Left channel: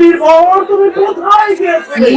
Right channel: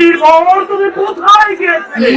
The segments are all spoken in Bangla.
ভক্ত ছুটির তুমি কোথায় গিয়েছিলে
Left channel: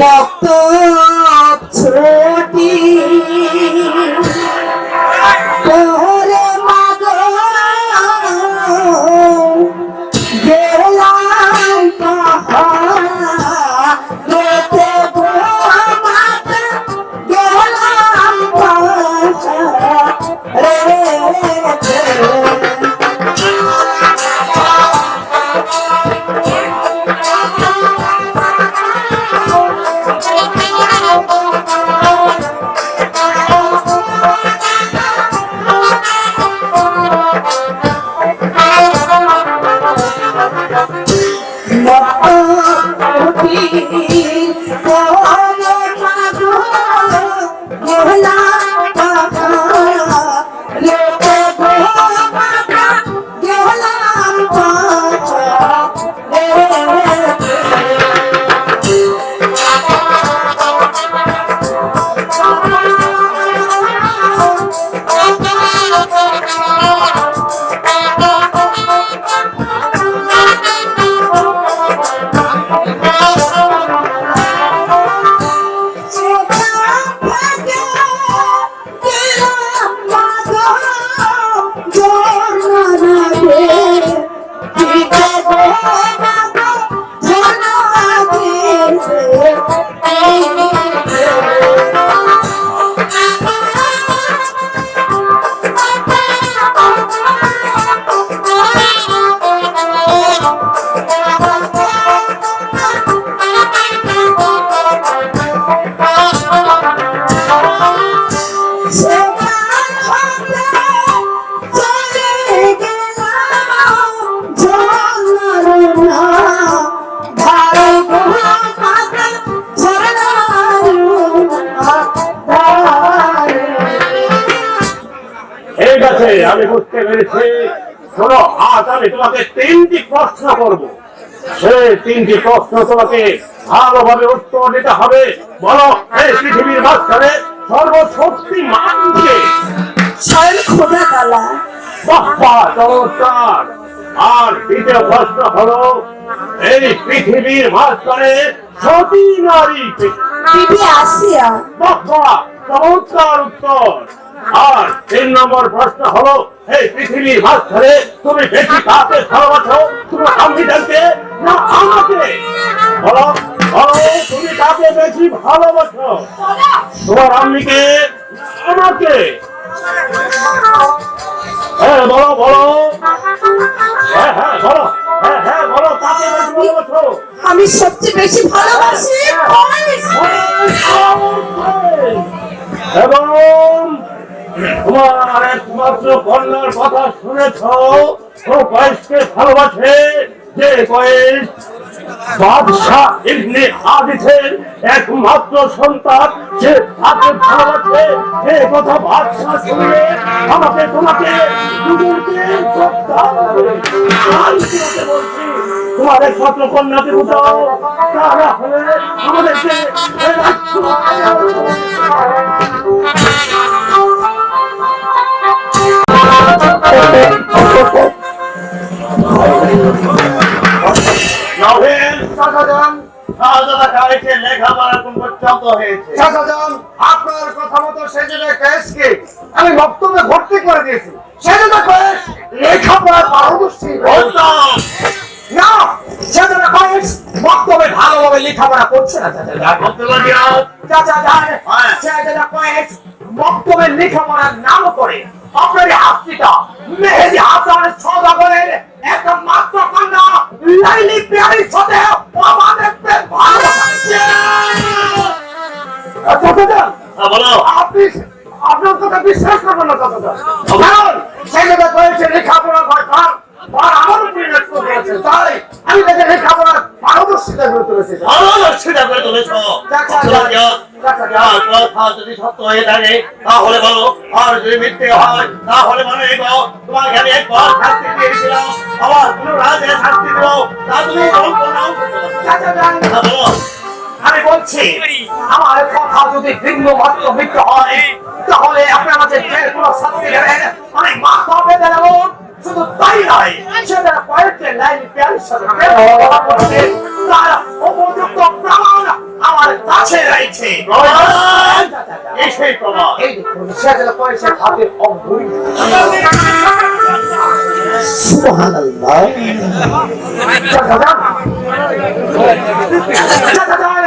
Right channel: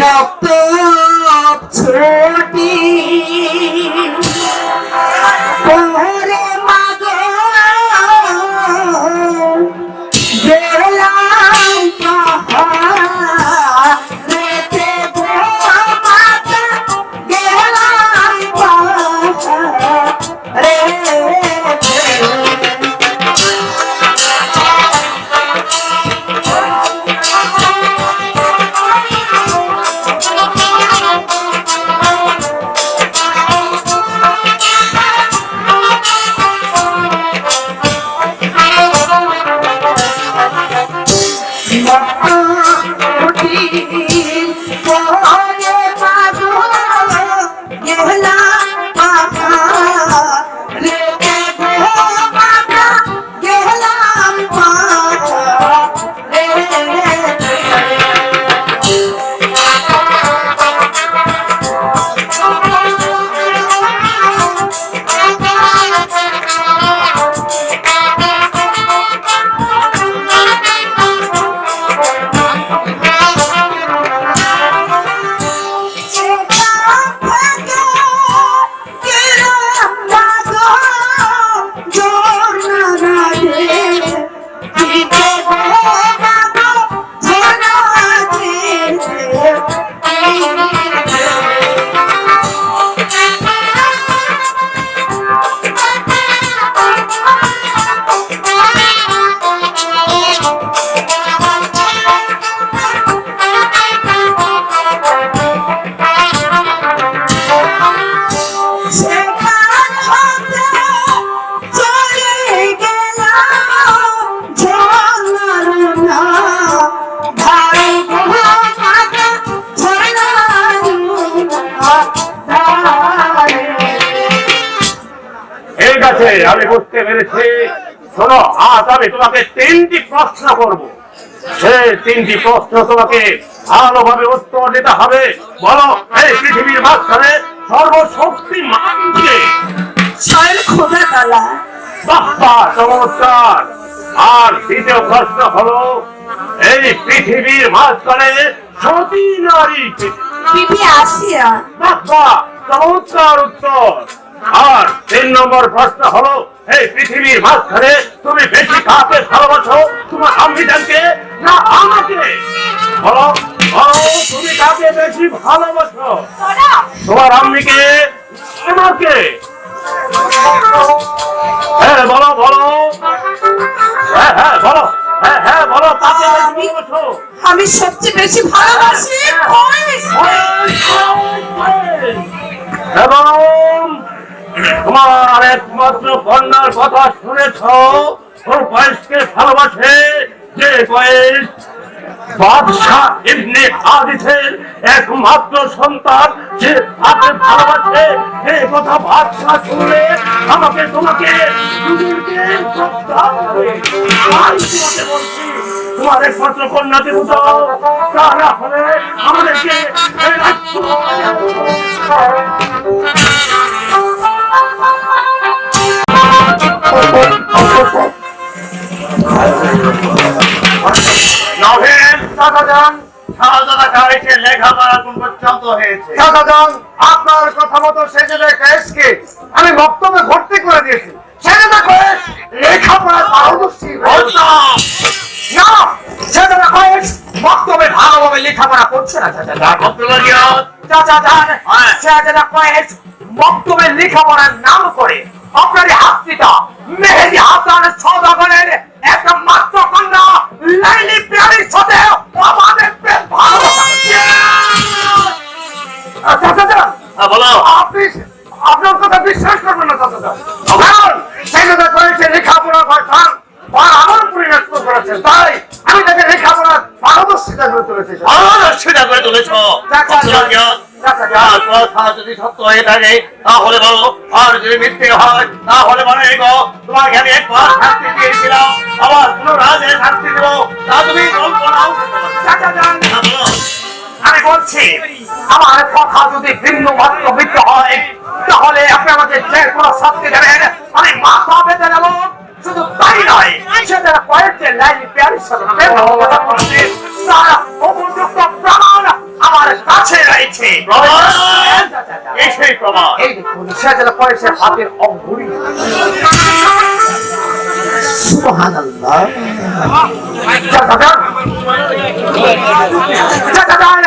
আছে আমি বুঝতে পেরেছি। শোনো আজ আমি তোমাকে তিনটি প্রশ্ন করব। সেই তিনটি প্রশ্ন তোমাকে ভালোভাবে উত্তর দিতে হবে। বলো এই পৃথিবীর মাঝখানে সর্বশক্তি মানকে চমৎকার। আর দ্বিতীয় প্রশ্ন হলো এই পৃথিবীর মাঝখানে সতী নারী? আসিয়া। বাপ্পা চমৎকার উত্তর। আর তিন নম্বর প্রশ্ন হলো এই পৃথিবীর মাঝখানে তুমি বেশি কাকে ভালোবাসো তোমার সংবিধানকে না আমাকে? বলো বলো তুমি কাকে বেশি ভালোবাসো? তোমার আম্মিকে আমাকে? হ্যাঁ বলো বলো। হ্যাঁ হ্যাঁ বলো। হ্যাঁ হ্যাঁ বলো কাকে বেশি ভালোবাসো? আমি সবচেয়ে বেশি ভালোবাসি এবং তোমার একমাত্র কন্যার কথা শুনেছ ও বয়সকে ভালোবাসে যে বয়স একমাত্র সন্তান যে তাকে ভালোবাসে সে কথা বাদশাহ শুনলে আমাকে তোমাকে তোমার একমাত্র কন্যাকে উঠাও তা না হলে আমাদেরকে আপনার কথা মতো সেজেদা কয়েসকে আমি বক্তব্যে ভর্তি করে দিয়েছি। সেজেদা কয়েস লেখাপড়ার পারদর্শী না সেজেদা কয়েস বক্তব্যে ভালোভাবে লেখাপড়া করছে না রিয়াদ চাচাজান হ্যাঁ। সেজেদা কয়েস বক্তব্যে লেখাপড়ার নাম করে আপনার হাসপিটা মেহেদি হাসান সদাগরের একটা মাত্র কন্যা লাইলি প্রিয়ারির সাথে আমাদের বেশ ভালো চাচাজান হ্যাঁ, আপনি আপনার কথা বিশ্বাস করবেন না কারণ সেই কথা করেছে লেখাপড়া পাঠান আর আমার উপরে ন্যস্ত করেছে। তাই আমি তাকে লেখাপড়া পারদর্শিতা করে তুলেছি পারদর্শিতা করে তুলেছ। কথা যদি সত্য হয়ে থাকে তাহলে বলো আর যদি মিথ্যে হয় তাহলে মনে রেখো তোমাকে আমি একবার শাস্তি দিয়েছিলাম আবার কোন শাস্তি দেবো তা তুমি কল্পনাও করতে পারো না। চাচা যান। তা বলো, আমি বলছি আমার কথা যদি ভিন্ন মাত্র মিথ্য হয় তাহলে আপনারা যে কোনো শাস্তি দেবেন আমি মাথা বেঁধে গেল। শুধু তাই নয় সেটা কয়েকটি লাইন প্যারিস কাছে রয়েছে এই সেই প্রমাণ। এই দেখুন সেটা করেছে হাতের অঙ্গুলি সুবহানাল্লাহ। চাচা যান চাচা যান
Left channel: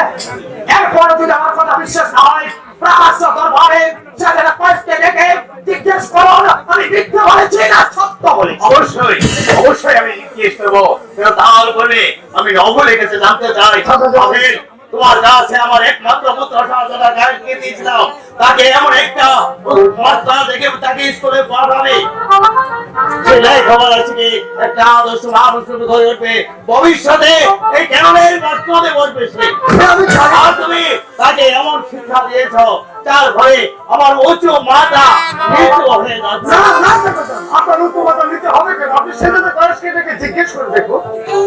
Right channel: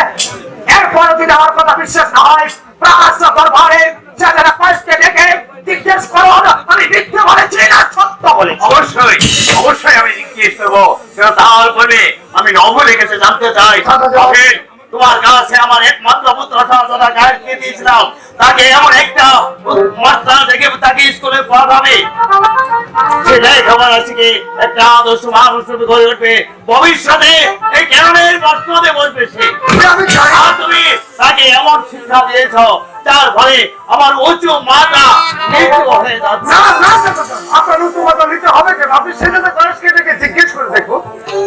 এরপরে যদি আমার কথা বিশ্বাস না হয় দরবারে কয়েককে ডেকে জিজ্ঞেস করুন আমি মিথ্যে বলেছি না সত্য বলেছি? অবশ্যই অবশ্যই আমি জিজ্ঞেস করব। কিন্তু তারপরে আমি নভু লিখেছে জানতে চাই। তোমার কাছে আমার একমাত্র পুত্র সন্তানটা গায়ককে দিয়েছিলাম। তাকে এমন একটা মাস্টার দেখে তাকে স্কুলে পড়াবে। সেটাই খবর আছে কি? একটা আদর্শ মানুষ হয়ে উঠবে। ভবিষ্যতে এই কেন বর্তমানে বলবে সে। তুমি তাকে এমন শিক্ষা দিয়েছ যার ফলে আমার উঁচু মাথা নিচু হয়ে যাচ্ছে। না না আপনার উপমত নিতে হবে কেন? আপনি সেটাতে কয়েককে ডেকে জিজ্ঞেস করে দেখুন।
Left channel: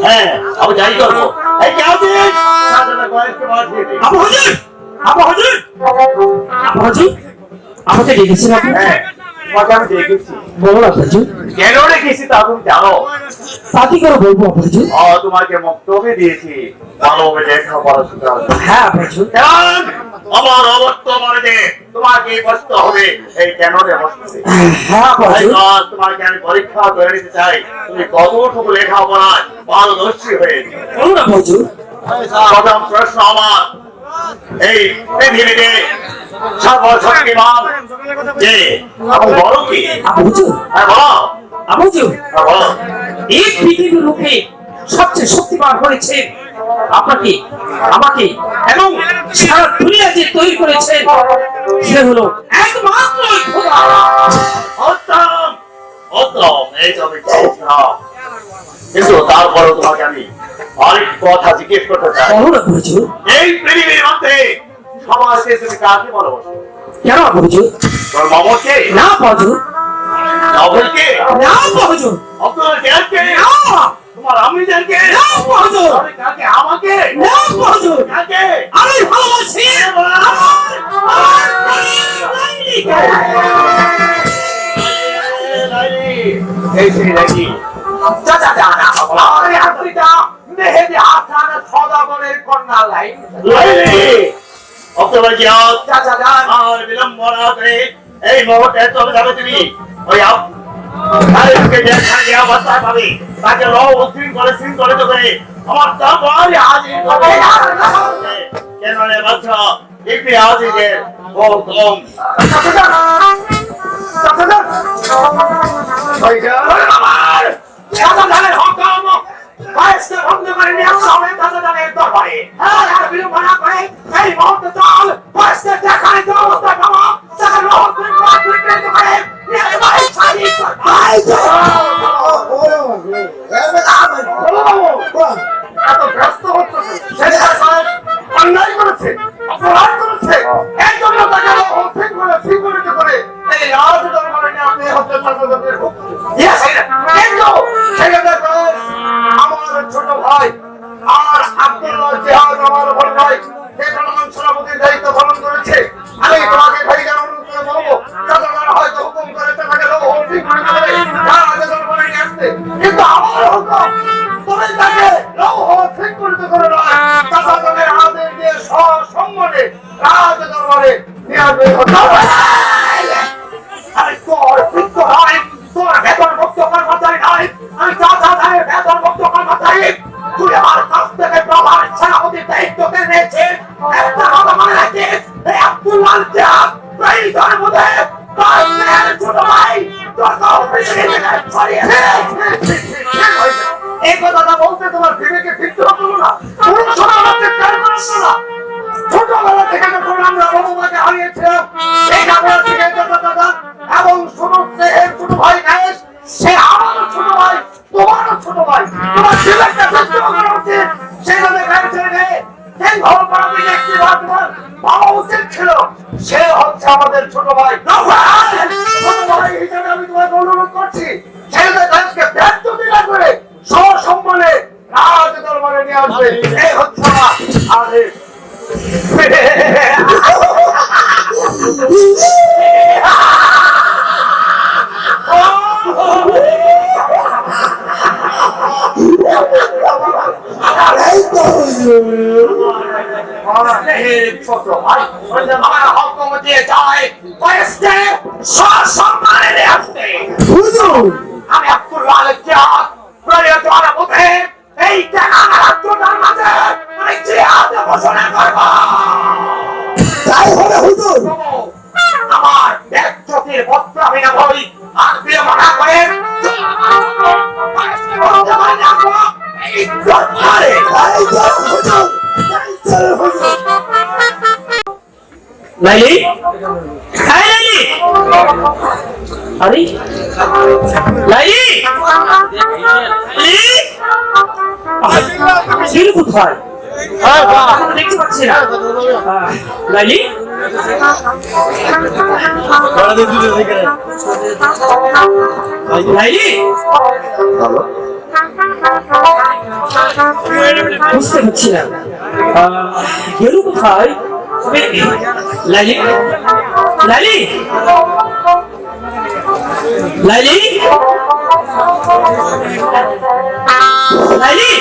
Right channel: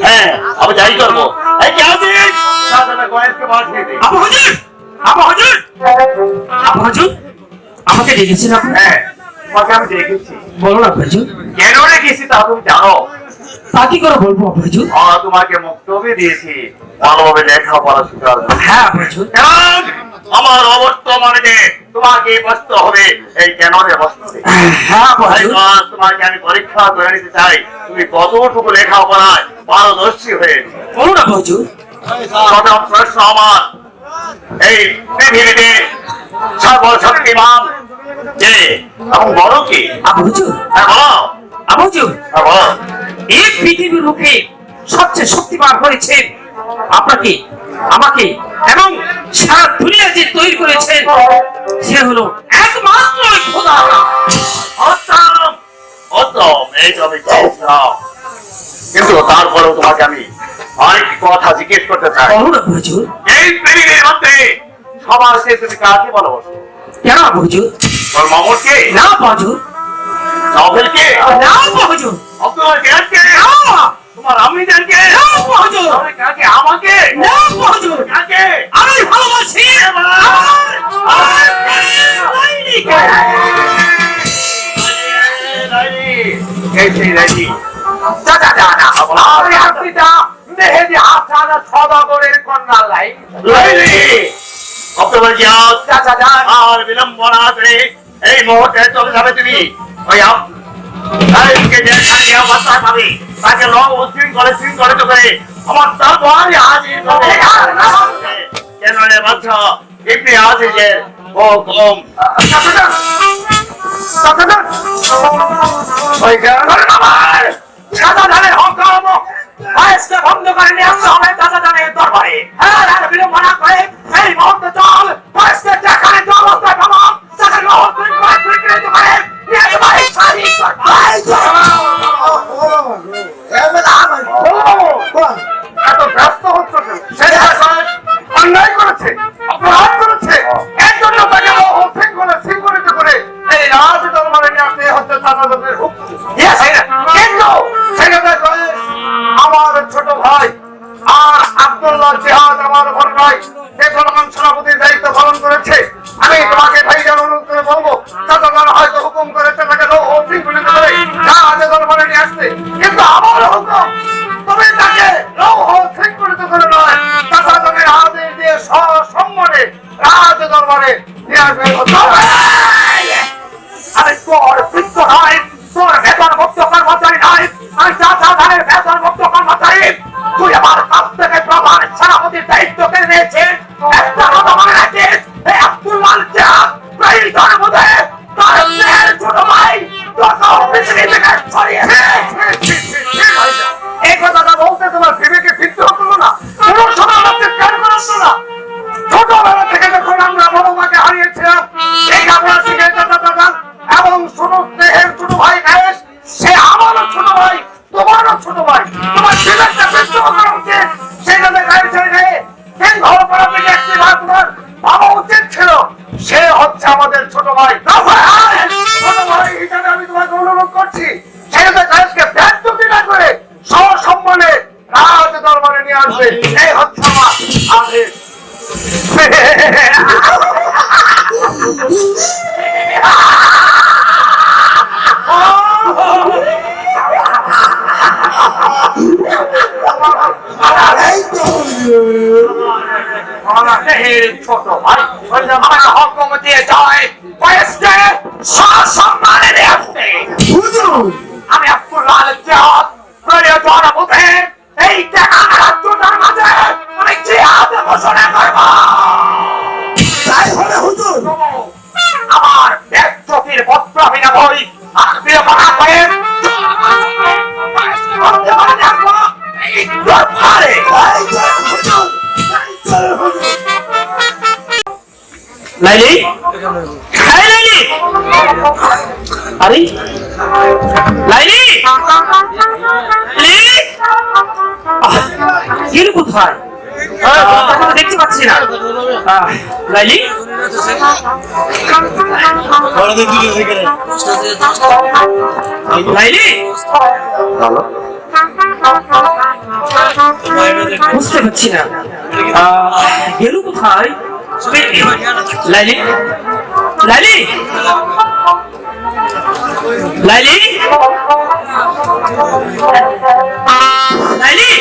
হ্যাঁ আমি যাই করব এই কে আছিস? সাথে গয়েশকে মার খেয়ে দে। আবু হুজুর! আবু হুজুর! আবু হুজুর আমাকে ডেকেছেন আপনি? হ্যাঁ তোমাকে আমি দেখেছি বলুন আবু হুজুর। কেন রেখেছি তা তুমি জানো? তা কি করে বলব আবু তোমাকে মক্তবে দিয়েছি। ভালোভাবে লেখাপড়া শিখার জন্য। হ্যাঁ আমার অবর্তমানে তোমাকে বসতে হবে। এই কেন রে বসতে হবে? হ্যাঁ আজ তোমাকে আমি পরীক্ষা করে নিতে চাই। তুমি কতটুকু লেখাপড়ায় পারদর্শী আবু হুজুর প্রথম প্রশ্ন আমার। এই পৃথিবীতে সর্বশক্তিমান কে? আমি বড় কি? হ্যাঁ বলো। আবু হ্যাঁ এই পৃথিবীর মুখে সবচেয়ে শক্তিমান হয়েছে আপনাকে আমাকে এবং সারা দুনিয়া যে তৈরি করেছেন সে হলো একমাত্র খোদা। উত্তম উত্তম এই তো আমি কিন্তু তারপরে তোমাকে আমি আরেকটি কথা জিজ্ঞেস করতে চাই। এই পৃথিবীর মধ্যে সবার শেষে তুমি কাকে ভালোবাসো? কেন হুজুর তোর মামুরকে না হুজুর নভেলকে না হুজুর অব্দুল কেরাতকে না তোমার আমিদারকে না হুজুর কাকে? আমাকে? না হুজুর কাকে? আমি ভালোবাসি! আমার আমার প্রাণের লাইলিকে। এই আমার মেহেদি হাসান সদাগরের কন্যা লাইলি অক্টোবর আর বিলম্বনা মুহূর্তে চলে যাবে তুমি ওই অবস্থা পাবে। তাকে ল করে সিং করে আমার তারপর হবে কেন রে ইপি হাজির ও কম চাচা যানের হকম বয়সকে বন্ধ করে নিয়ে আসতে হবে চাচা যানের দরবারে হ্যাঁ আর করে এই মুহূর্তে চল বয়সকে যে অবস্থা খাব করে এত ব্যস্ত হচ্ছে অন্যায় করেছে। me a dog. কোথায় দেখতে পাচ্ছি না। হ্যাঁ। লাইলি? লাইলি? বুঝতে পারছি না। গেল কোথায় লাইলি? লাইলি? লাইলি? লাইলি?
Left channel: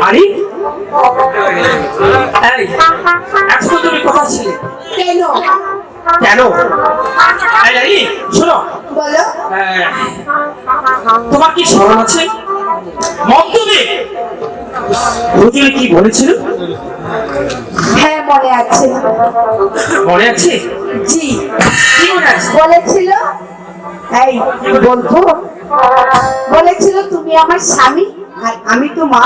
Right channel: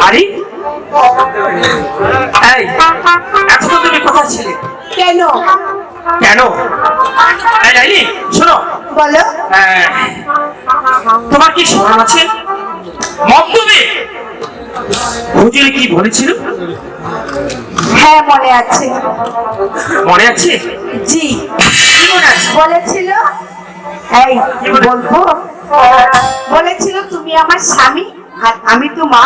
আরে এই তোমার কি স্মরণ আছে? মধ্যমে হুজুর কি বলেছিল? হ্যাঁ মনে আছে। মনে আছে? জি। কি মনে আছে? বলেছিল এই বলতো। বলেছিল তুমি আমার স্বামী আর আমি তো মা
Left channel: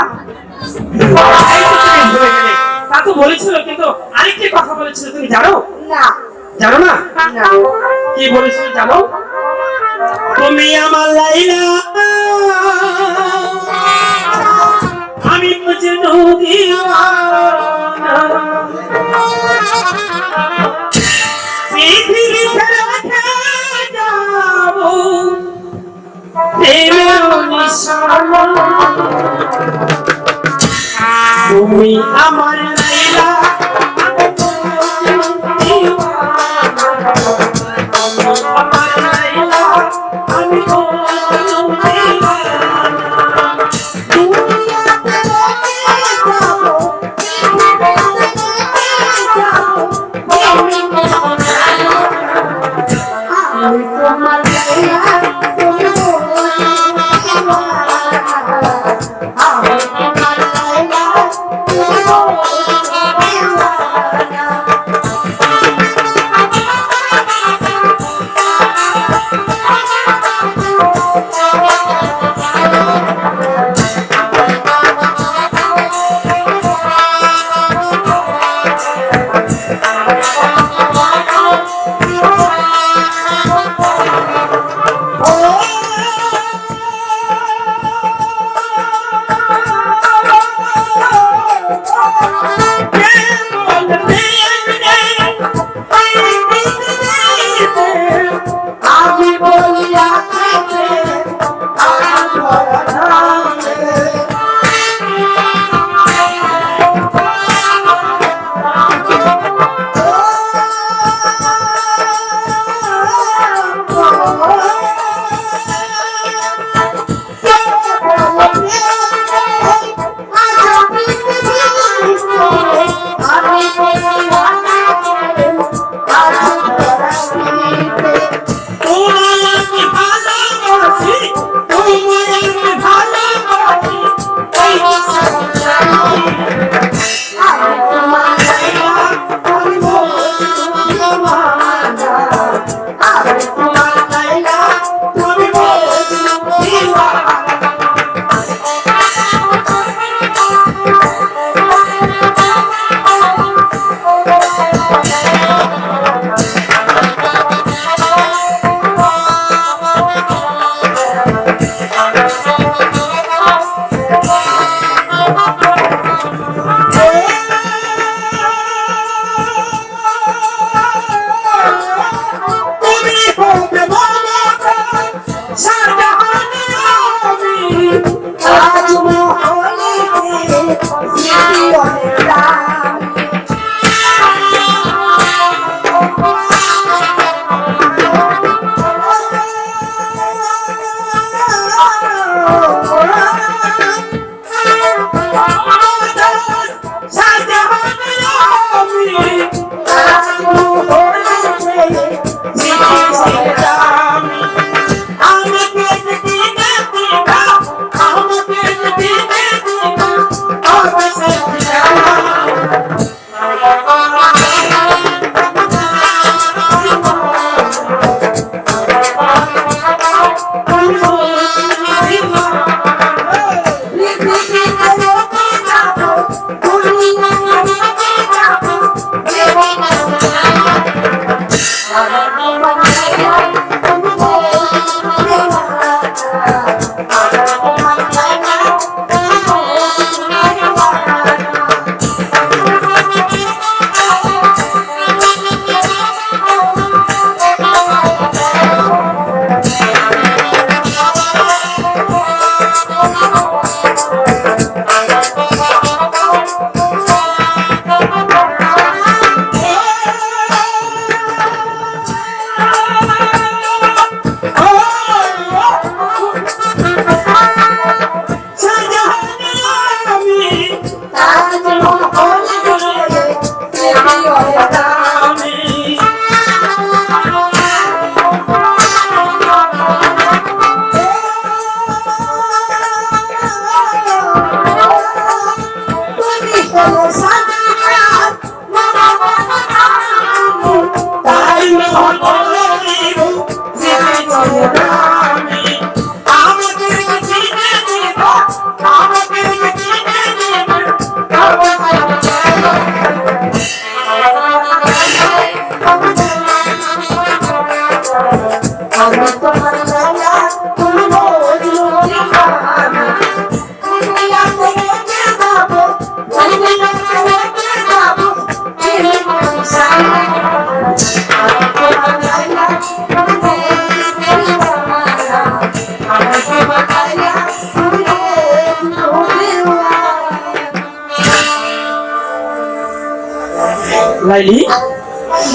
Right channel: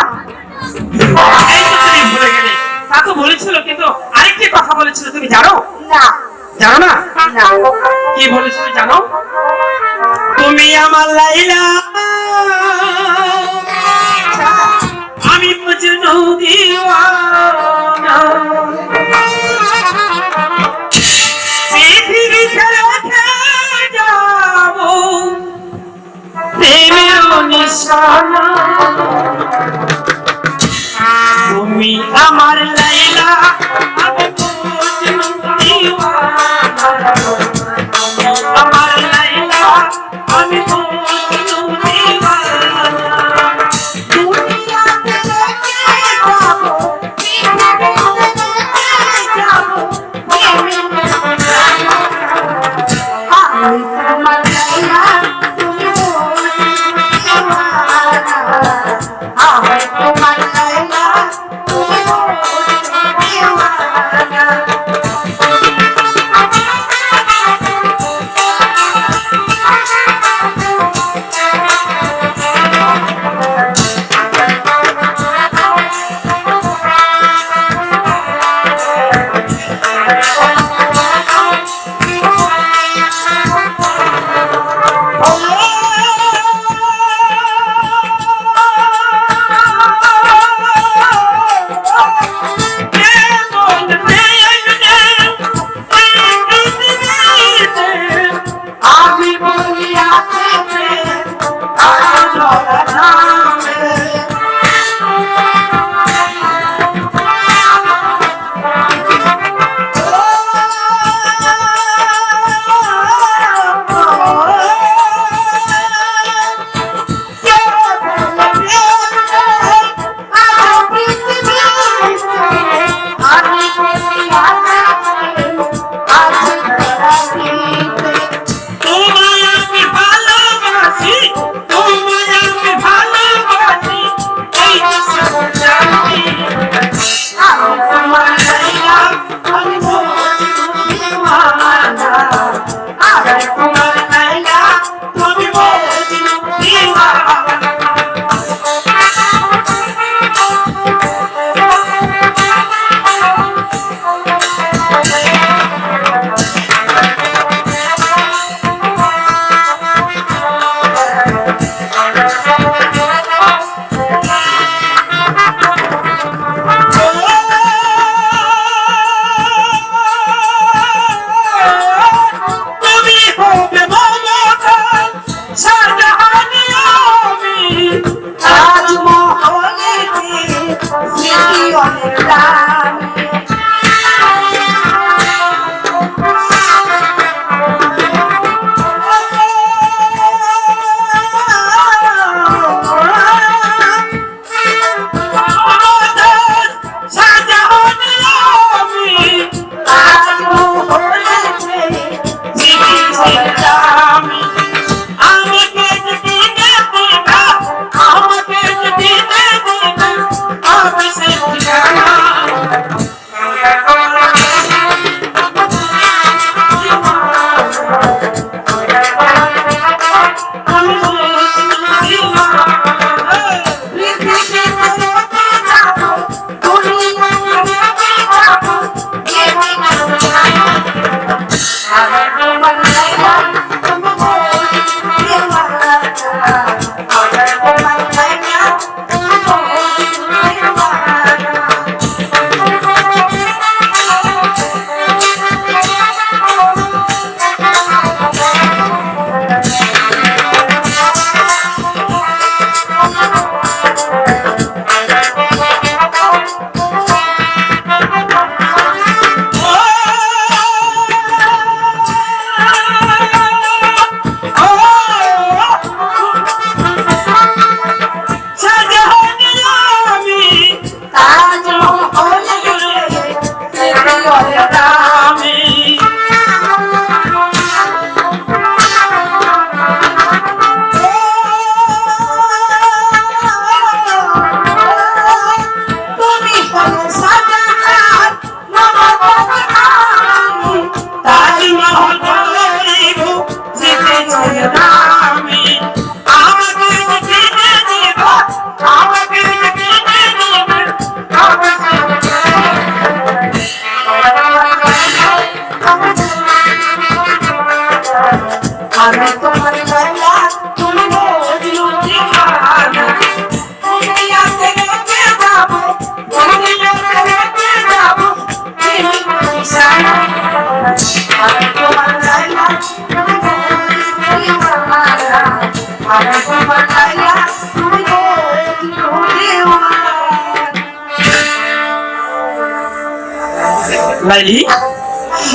লাইলি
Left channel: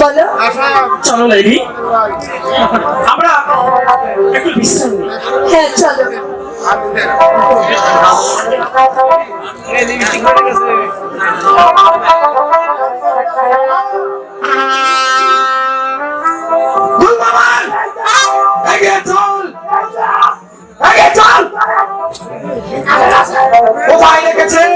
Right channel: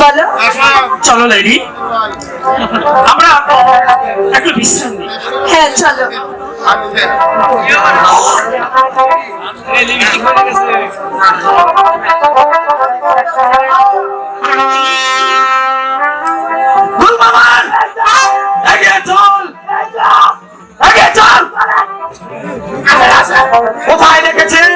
বলো। চলো লাইলি আমরা একটু বিশ্রাম নিই। হ্যাঁ চলো। কোথায় রেখেছিস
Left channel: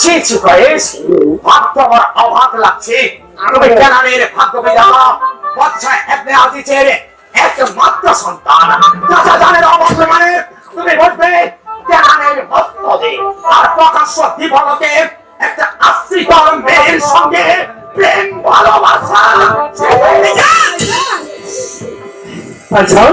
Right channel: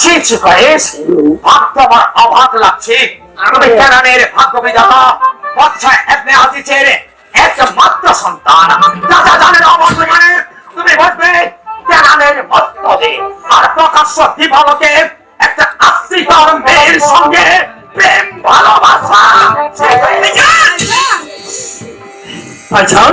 ছি ছি কয়েস ভাগ্য আমার অবাক লাগছে তুমি কেনানের ভাগ্য বিধাতা বাচ্চা এমনি আজিজের একমাত্র সন্তান রাজা জানের অবস্থ মানে তুমি বলবে কেনানের ভক্তদের আর প্রকাশ্য দিবালকে একটা আশ্রিতর মেয়ের সঙ্গে প্রেম ভালোবাসা ভাইজান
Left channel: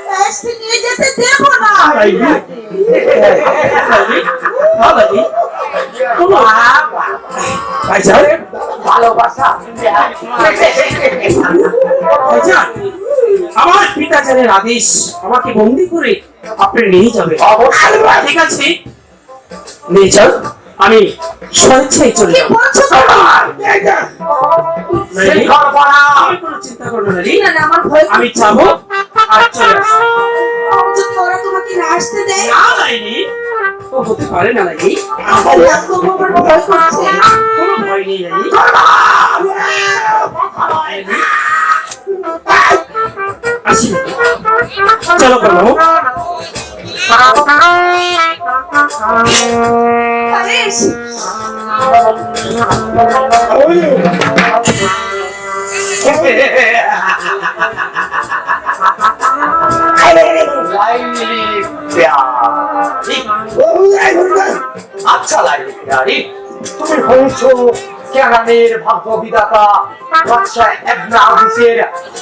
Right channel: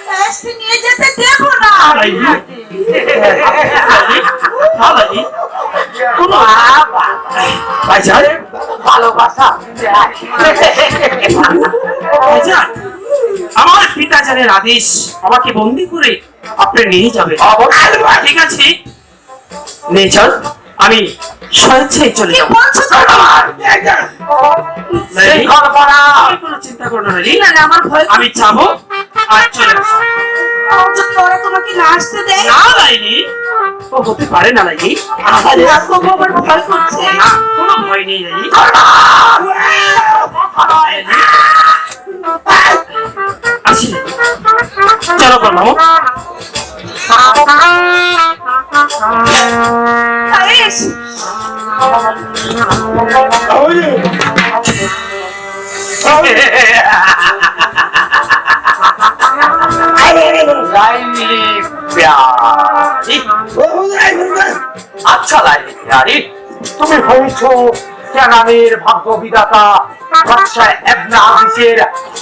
আজকে নিয়ে যেতে দেবো না। আমার পিতাচারের আদেশ আমাকে বন্দি করে আপনি নিয়ে যাবেন। ঠিক আছে? নিয়ে যান আমি স্বেচ্ছায় চলে কি যাব করা চিন্তা করো না লাইলি। না না আমার ভয় আমি যাব আর চলে তোমাকে না আসতে দেয় না লাইনি ও হতে পারে না লাইনি ভয় করছে। কোনো ভয় নেই লাইনি। আসি। চলো প্যারি আচ্ছা লাইলি প্যারি তুমি হয়েছো কেনামের ভাগ্য বিধাতা বাদশাহ এবনে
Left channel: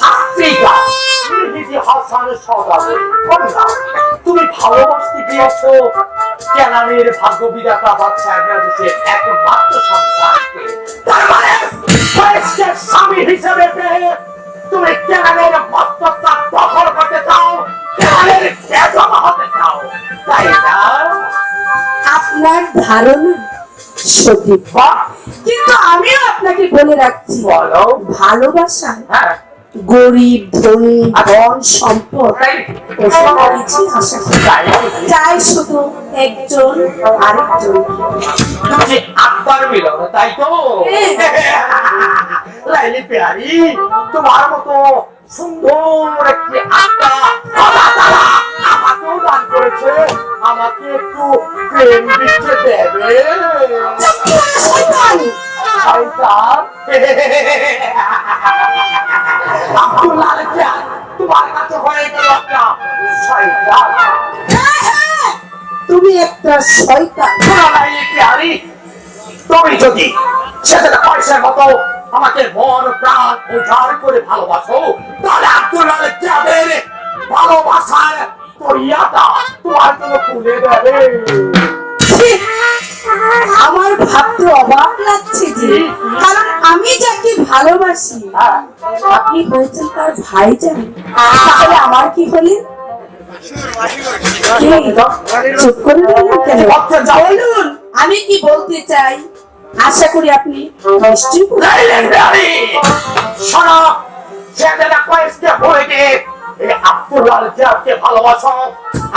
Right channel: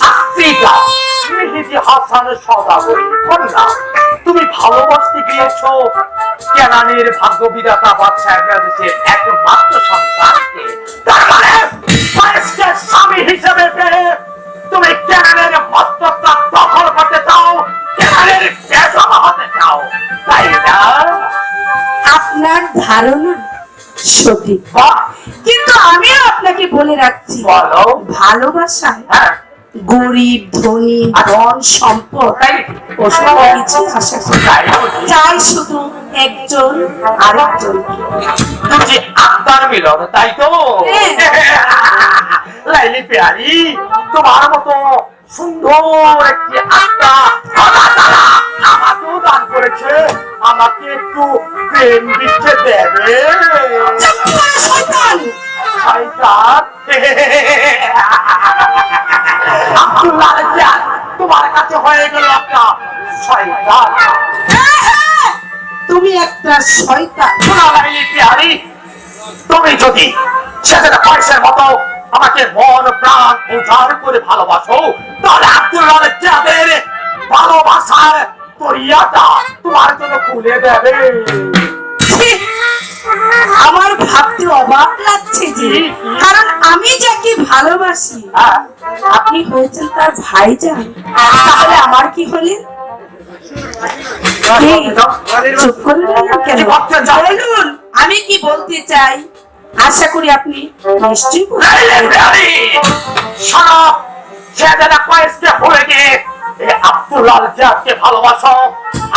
আত্মীকা মেহেদি হাসানের সদাগর কন্যা তুমি ভালোবাসতে গিয়েছো? কেনামের ভাগ্য বিধাতা এবনে আজিজের একমাত্র সন্তানকে স্বামী হিসেবে তুমি মস্তকটা দখল করতে চাও কেনালের বেজমা হতে চাও তাই না? আপনার ধারণা সঠিক। কিন্তু আমি আপনাকে বলে রাখছি বলো। ভালোবাসায় হ্যাঁ। গরিব ধনী ধন সম্পদ কিছু আশা। তাই বলছি। চাই শুধু একজন আরেকজন। আত্মার মিলন তাই তো? লাইলি পেয়ারি তোমার মতো সুন্দর একটি আত্মা আমাকেও দান করেছে আমাকে একটু প্রেম দিচ্ছে দেবে। শয়তান আব্দুল্লাহ জান তোমার কাছে হয়ে গেল একটা শয়তান তুমি একটা শয়তান। তুমি যদি সেটা পয়সার মতো আমাকে মন প্রাণ উজাড় করে ভালোবাসো তাহলে আব্দুল্লাহ যাদের ভালোবাসার পরিয়াটা তোমার জন্য খুলে দেবে। আমার ভাবতে অবাক লাগছে। কারণ আমি যাকে ভালোবাসি আপনি তার ভাইজান। তাহলে আমার কি হলেন চুপ করে কেন? আমি কি বলতে চাই? আশা করি আপনি নিশ্চয়ই ভালোবাসো।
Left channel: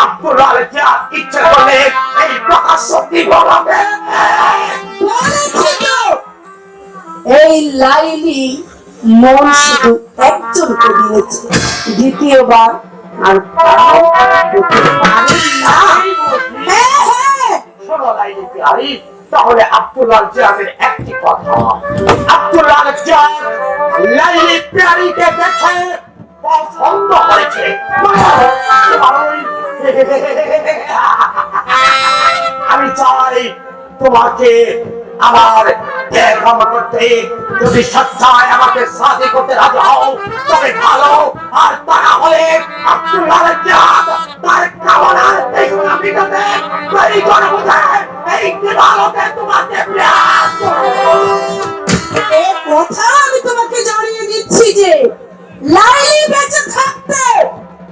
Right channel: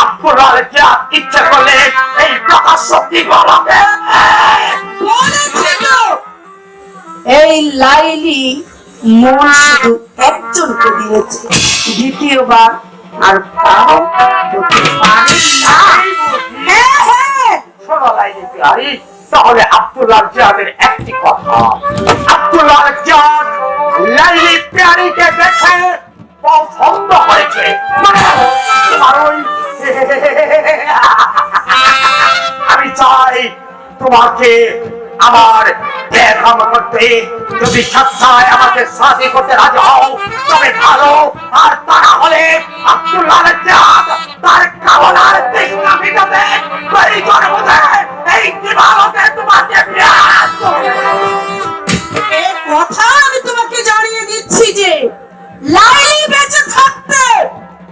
আব্দুল্লাহ জাদ ইচ্ছা করলে এই প্রকাশ্য কি বলবে এই লাইলি মন শুধু একজনকে দিয়েছে দ্বিতীয়বার আর তাহলে আব্দুল্লাহ জাহাদের একটি কথা আব্দুল্লাহ জাহাদ লাইলি বিহারিকে দেখে পছন্দ ওই আমি চাই তোমাকে আমার দেখাম করতে যদি সচ্ছায় আমাকে সাথে করতে রাজি হও তবে ভালো আর তা না হলে আব্দুল্লাহ জাহাদ তার কামনার তৃষ্ণা মিটাতে এই দিবালকে তোমাকে বিরাজ কথা আমি তোমাকে জানিয়ে দিচ্ছি যে লাইলি বেঁচে থাকতে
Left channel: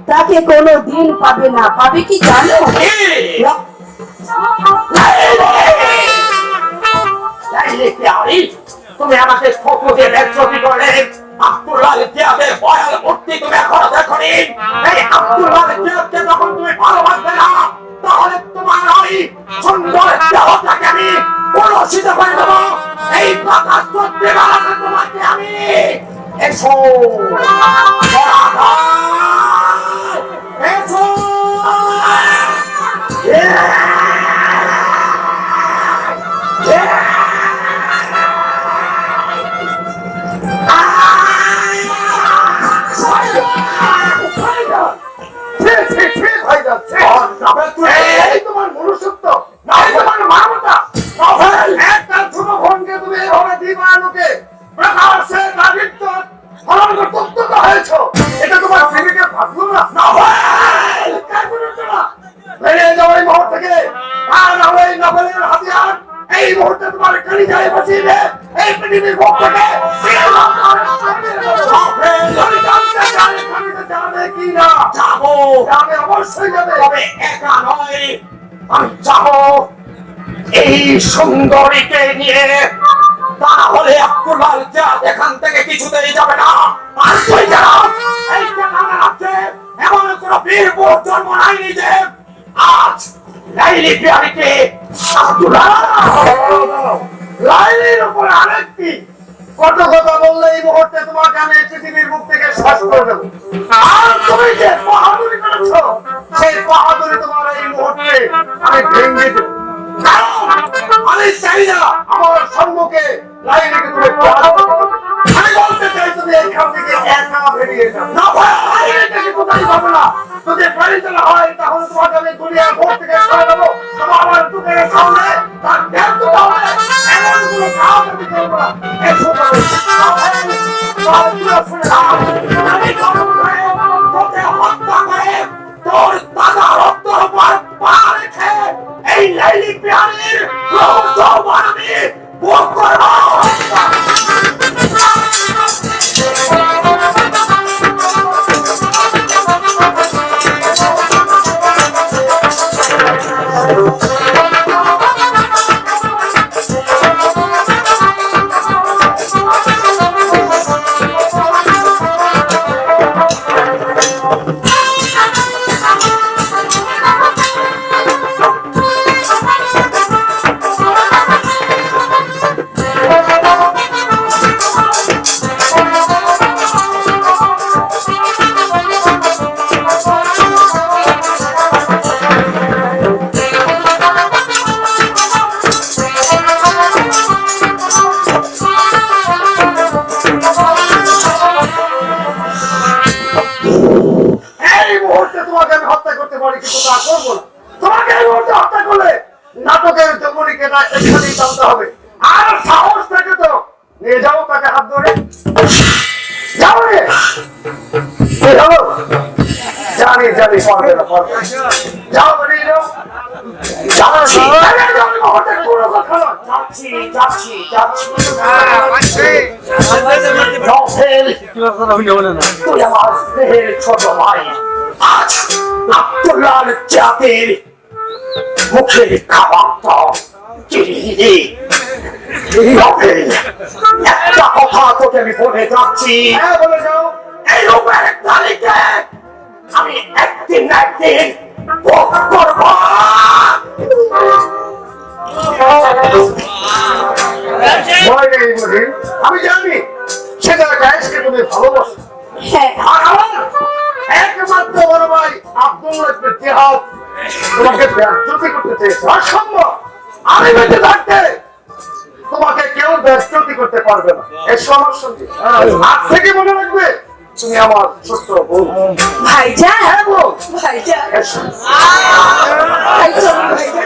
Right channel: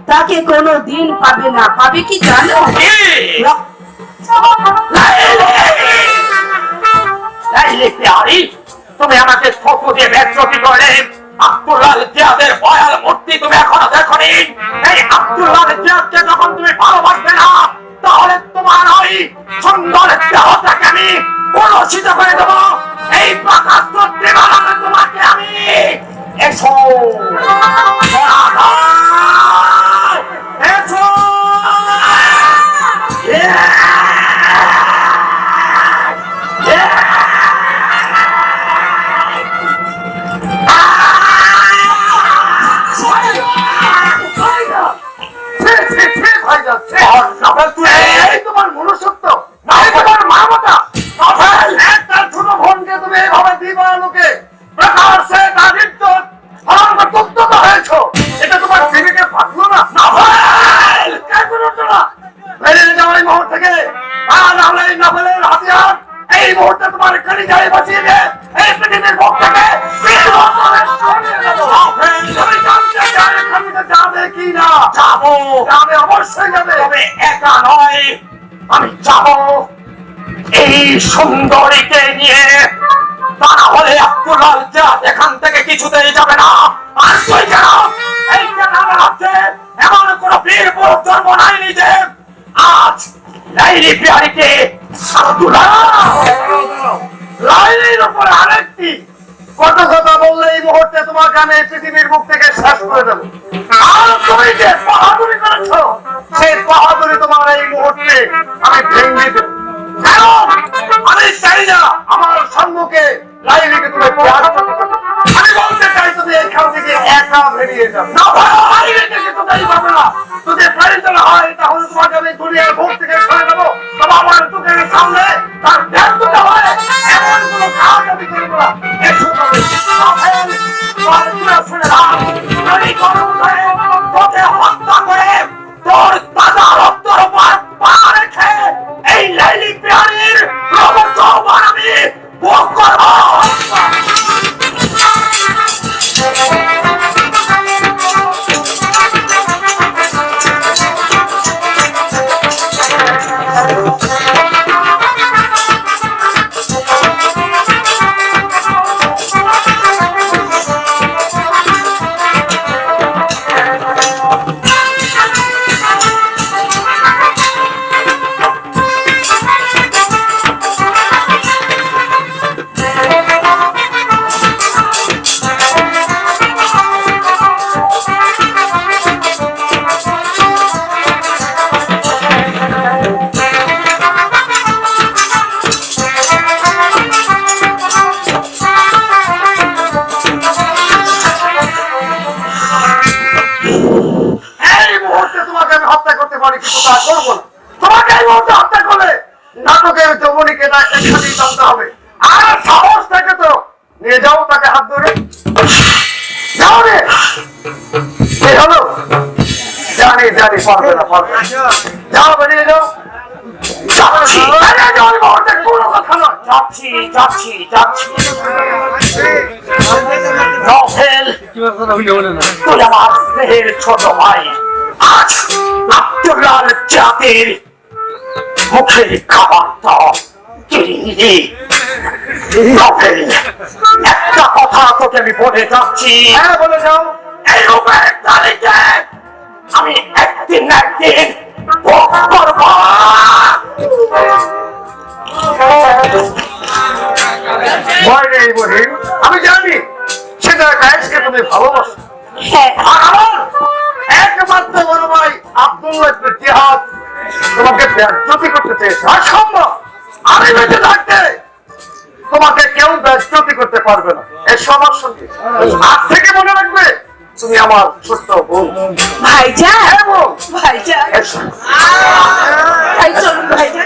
তাকে কোনো দিন পাবে না। পাবে কি জানো? লাইলে! তুমি আমাকে দিয়ে ব্যক্তি করলে। করে ছি, করতে হয়েছো এটা তোমার না মুহূর্ত থেকে আর নাহলে এই হাতিয়ার এই মুহূর্তে তোমার যায় বাঁচিয়ে দে এই পৃথিবীর থেকে যাবে কি না যাব যাবে অবশ্যই যাবে তবে একা নয় আমি যাব এই সুন্দরীকে নিয়ে তা না হলে আব্দুল্লাহ জাহাদ এখান থেকে কিছুতেই যাবে না। আর তুই কেন এই কেন আছে। এমন কোন বীর পুরুষ জন্ম নাই নিজে। আজ লাইলি বিহারিকে লাইনের উপর আরেকটি কত কথা বললে এই মুহূর্তে আমি এই পৃথিবীর মুখ থেকে শ্বাস করে দেবো আর তুমি যে বাহাদুরি করেছ, সেই বাহাদুরি তোমার এই মুহূর্তে আমি ভেঙে দেবো। আমি চাই না আমার সম্মুখে লাইলিকে তুমি আমি বলতে চাই তুমি এখান থেকে একা বেরিয়ে যাও। না ভাই লাইলিকে কিছু দায়ী না। যদি পারিত না হয় তাহলে তোমাকে আমি দুনিয়ার ভোট থেকে সরে দেবো। তবে আমার দোকানের সামনে তার ব্যর্থতা হয়। এমন কোনো কাজ আমি করব না। হত্যা করে দাদা রক্তর রেখে এই লাইলি বিহারের প্রবর্তন আমি ভোগ করব এই ছোট ভাই। আজ আব্দুল্লাহ জাতির মুখের খাবারটা চিরিয়ে দে নভেল একটা কথা তোকে আমি বলে যাচ্ছি। হ্যাঁ বলে যাও। এই রূপের তালিকে আমি একদিন একদিন ভোগ করব। ভয় নেই বলি তুমি আমার একমাত্র ভাই আব্দুল্লাহ তোমাকে কেউ ব্যর্থতি করতে পারবে না। এর সবার সঙ্গে। হ্যাঁ। আজ থেকে মনে রাখবে তুমি আমার ছোট্ট হ্যাঁ বোন ভাইজা ভাইজা ভাইজা